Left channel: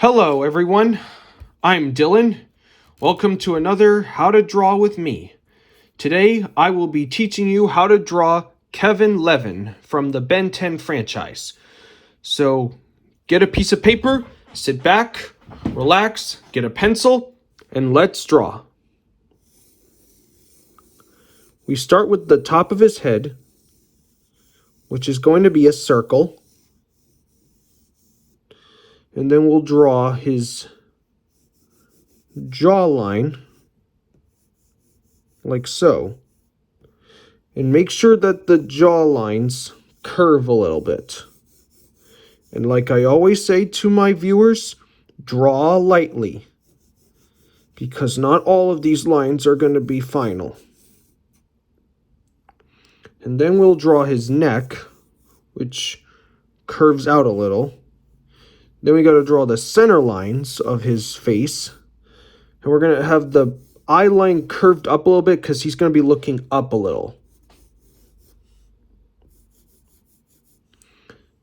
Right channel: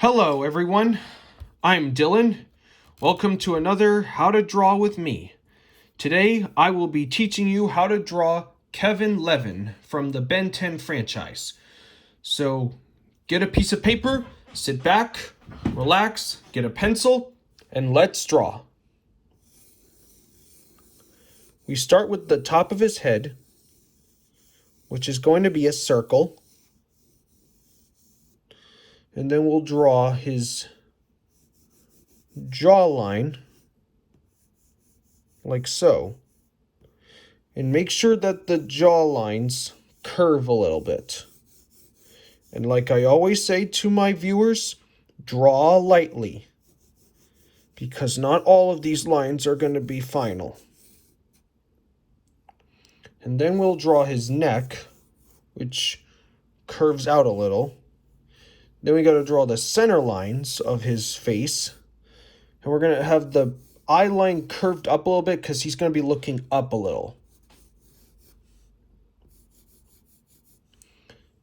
Hello everyone, I'm Dylan. Welcome to another How to Draw with me. Today I will be teaching you how to draw Kevin Levin from the Ben 10 franchise. So get a piece of paper, sit back, relax, get a pencil, and let's draw. We start with the top of his head, which is going to be a circle. And then we'll draw his jawline, like so. And make sure that the jaw lines curve a little bit. And like I always say to my viewers, draw lightly, because not all of these lines are going to be final. And then we'll draw his neck, which curves out a little. Then we got to draw the center lines of his face. And we're going to have the eye line curved up a little bit because he's going to be looking up a little.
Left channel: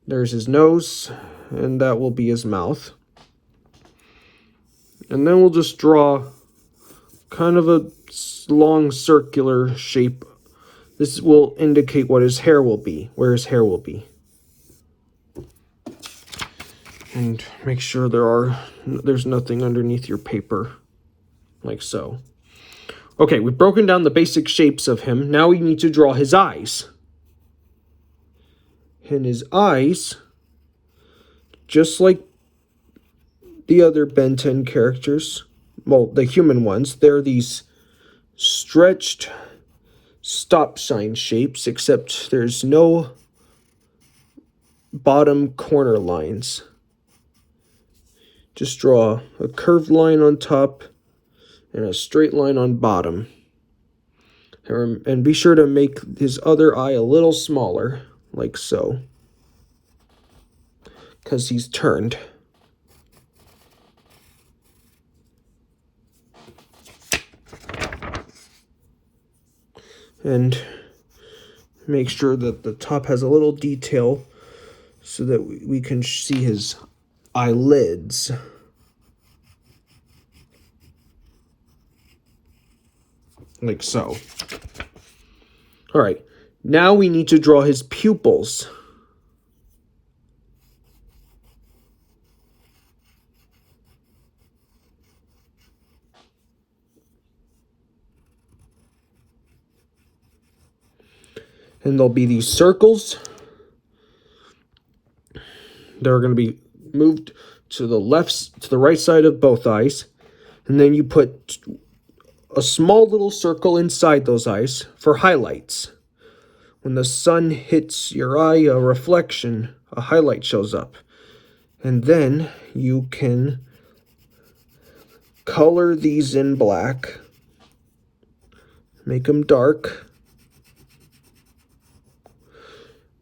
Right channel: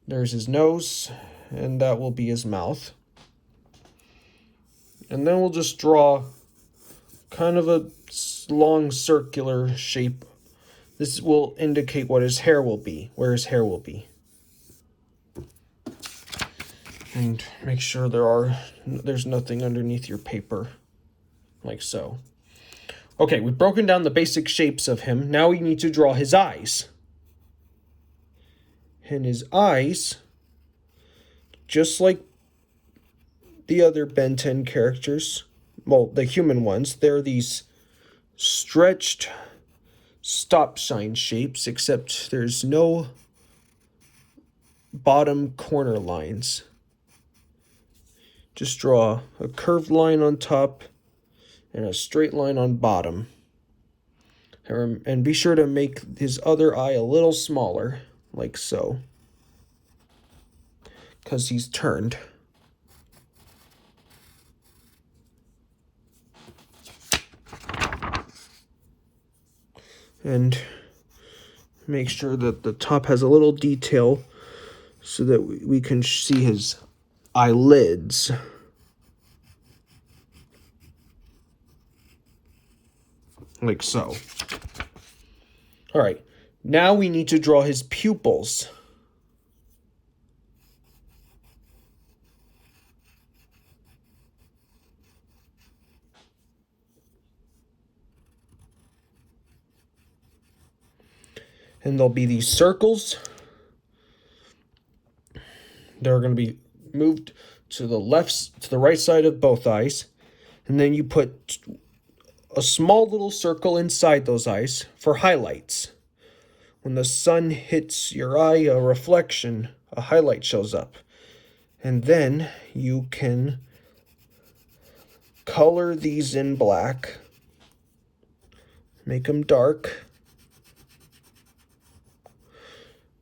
There's his nose, and that will be his mouth. And then we'll just draw kind of a long circular shape. This will indicate what his hair will be, where his hair will be. And make sure there's nothing underneath your paper, like so. Okay, we've broken down the basic shapes of him. Now we need to draw his eyes. And his eyes, just like the other Ben 10 characters, well, the human ones, they're these stretched stop sign shapes, except there's no bottom corner lines. Just draw a curved line on top and a straight line on bottom. And be sure to make his other eye a little smaller, like so, because he's turned. And make sure that the top has a little detail so that we can see his eyelids. Like so. All right, now we need to draw his pupils. And there'll be these circles. They're going to be moved to the right side of both eyes. And then you put a small little circle inside those eyes for highlights. When the sun hits your eye, a reflection, a highlight shows up. And then you can color these in black. Make them dark.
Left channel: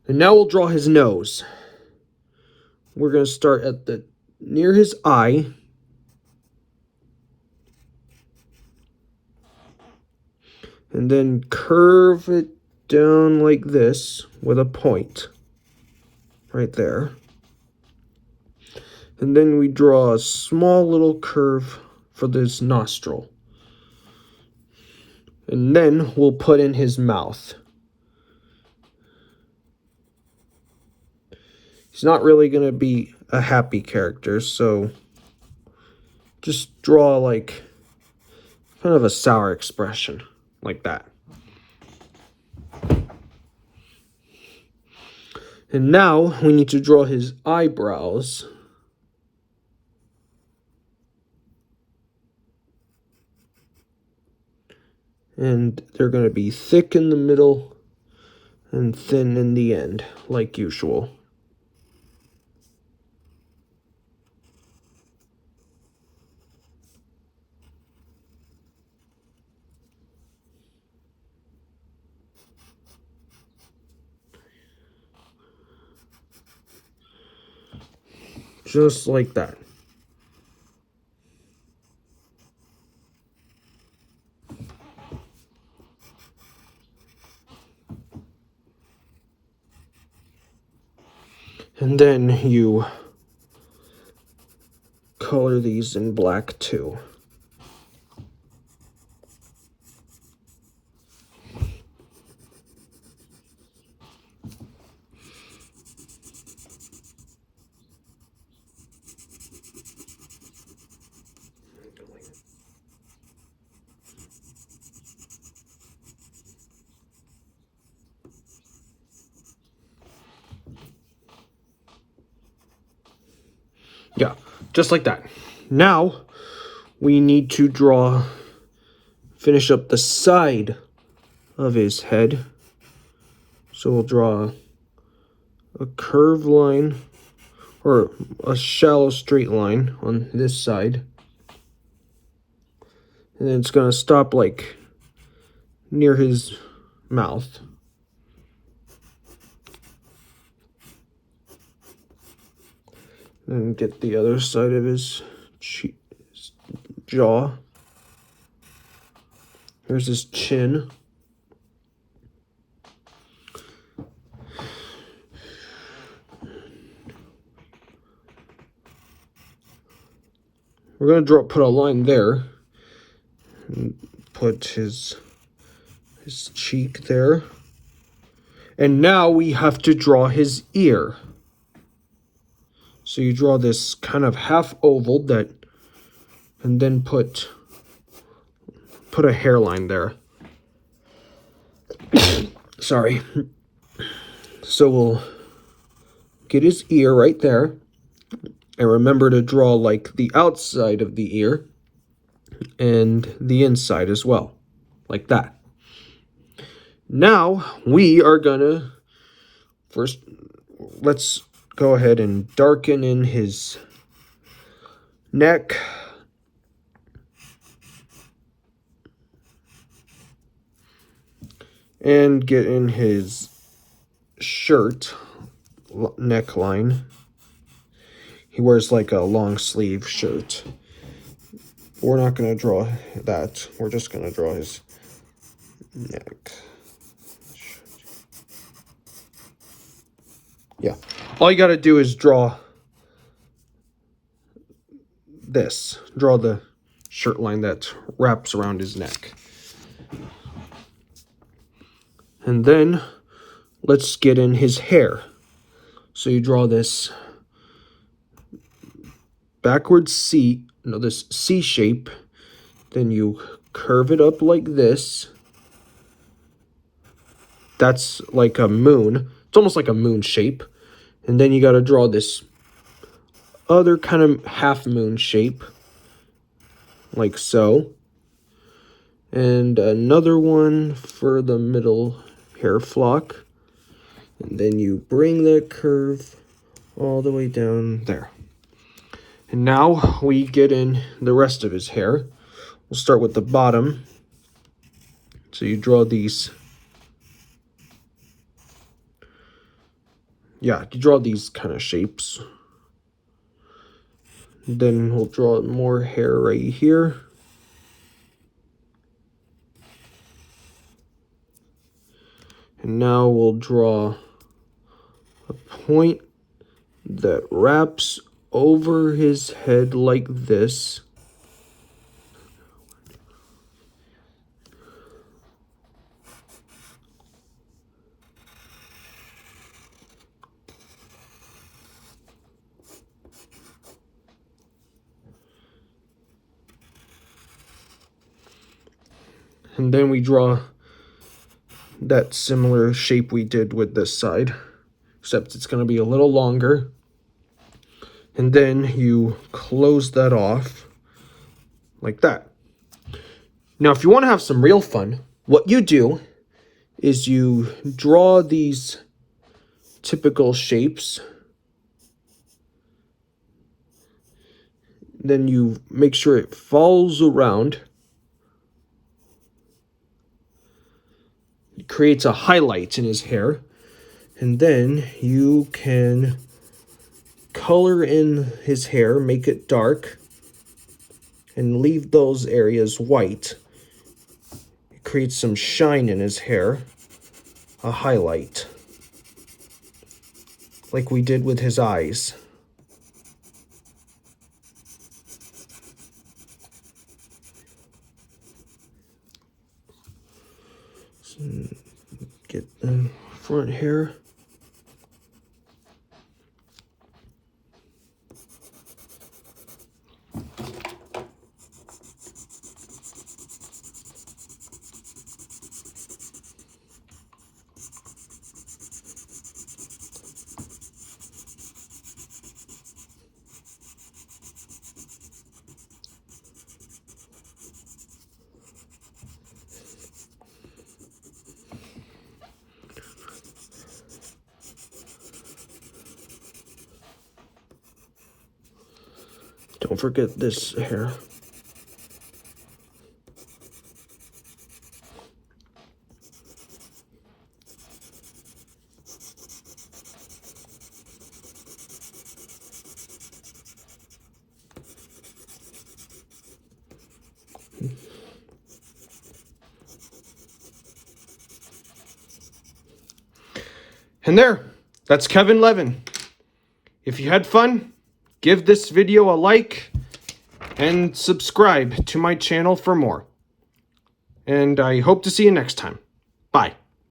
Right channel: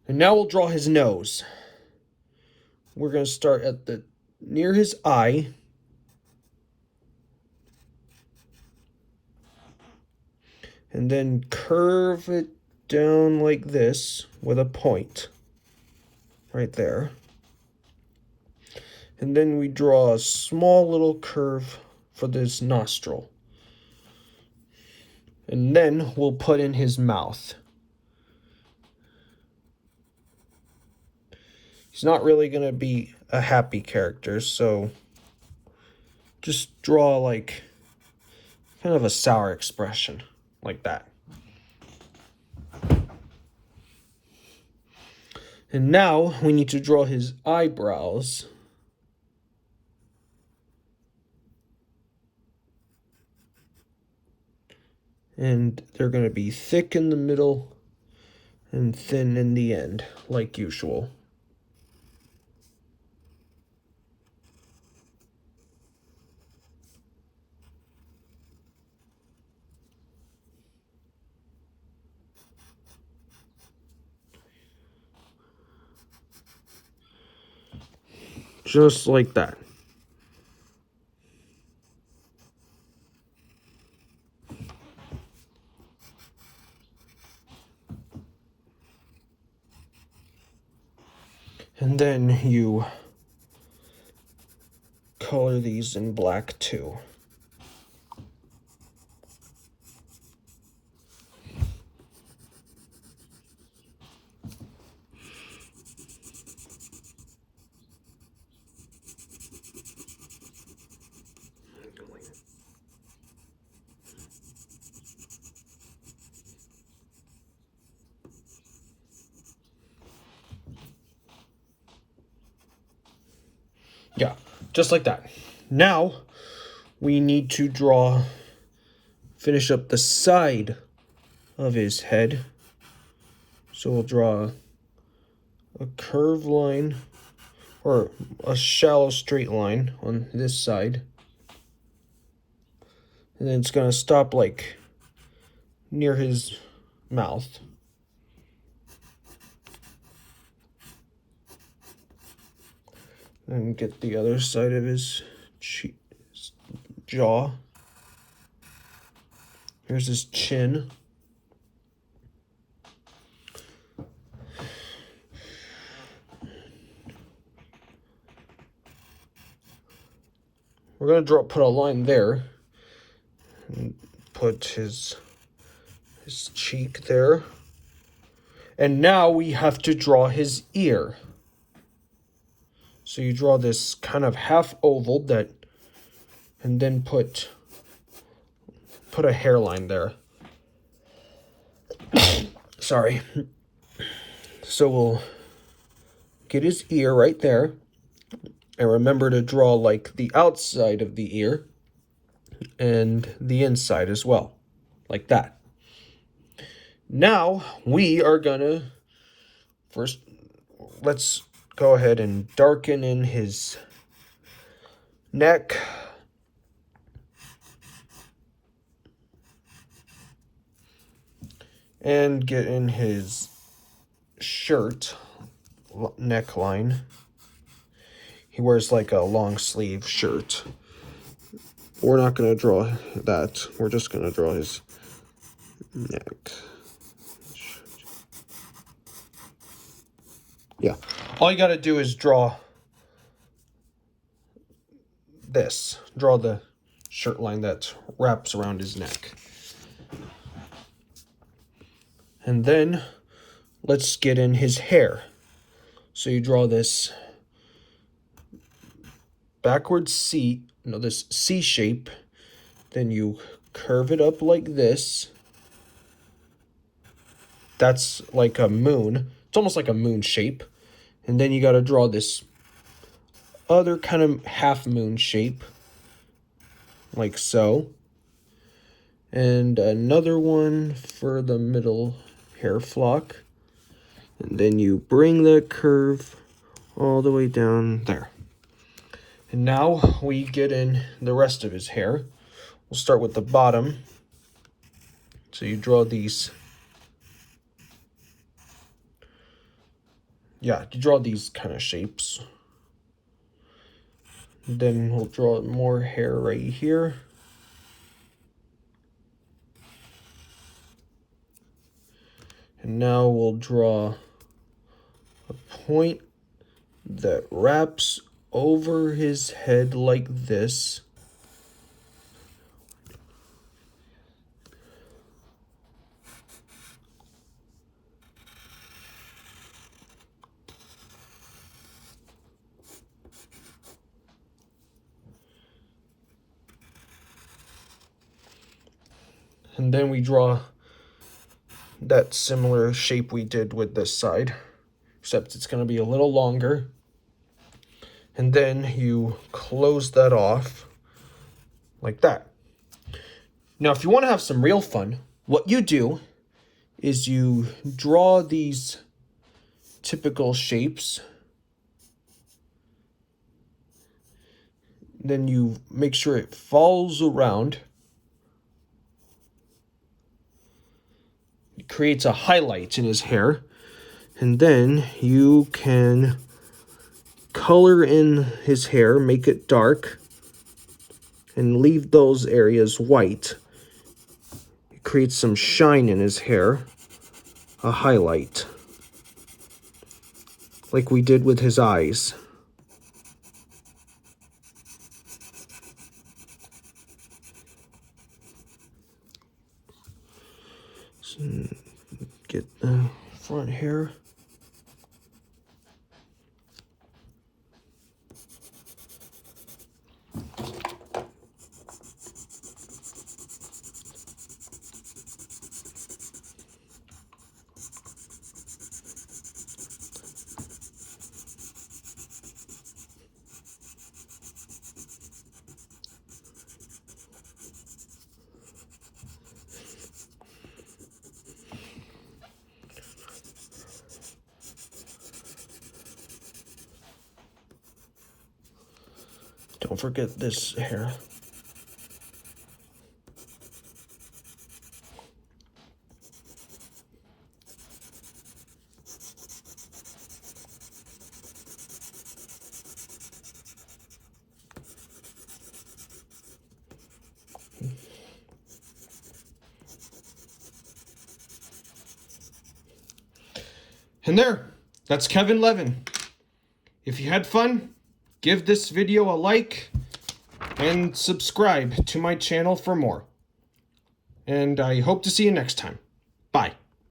And now we'll draw his nose. We're going to start at near his eye. And then curve it down like this with a point right there. And then we draw a small little curve for this nostril. And then we'll put in his mouth. He's not really going to be a happy character, so just draw like kind of a sour expression, like that. And now we need to draw his eyebrows. And they're going to be thick in the middle and thin in the end, like usual. Just like that. And then you color these in black too. Yeah, just like that. Now we need to finish up the side of his head. So we'll draw a curved line, or a shallow straight line on this side. And then it's gonna stop like near his mouth. And get the other side of his jaw. Here's his chin. We're gonna put a line there. And put his cheek there. And now we have to draw his ear. So you draw this kind of half oval and then put a hairline there. Sorry. So we'll get his ear right there. And remember to draw like the outside of the ear and the inside as well, like that. Now we are gonna first, let's go ahead and darken in his neck. And get in his shirt neckline. He wears like a long sleeve shirt. We're not going to draw that. We're just going to draw his neck. Yeah. All you got to do is draw this. Draw the shirt line that wraps around his neck. And then let's get in his hair. So you draw this backwards C, this C shape. Then you curve it up like this. That's like a moon. It's almost like a moon shape. And then you got to draw this other kind of half moon shape, like so. And another one for the middle hair flock. And then you bring that curve all the way down there. And now we get in the rest of his hair. We'll start with the bottom. So you draw these. Yeah, you draw these kind of shapes. Then we'll draw more hair right here. And now we'll draw a point that wraps over his head like this. And then we draw that similar shape we did with this side, except it's going to be a little longer. And then you close that off like that. Now, if you want to have some real fun, what you do is you draw these typical shapes. Then you make sure it follows around. It creates a highlight in his hair. And then you can color in his hair, make it dark, and leave those areas white. It creates some shine in his hair, a highlight, like we did with his eyes. Get the front hair. Don't forget this hair. And there, that's Kevin Levin. If you had fun, give this video a like and subscribe to my channel for more. And I hope to see you next time. Bye.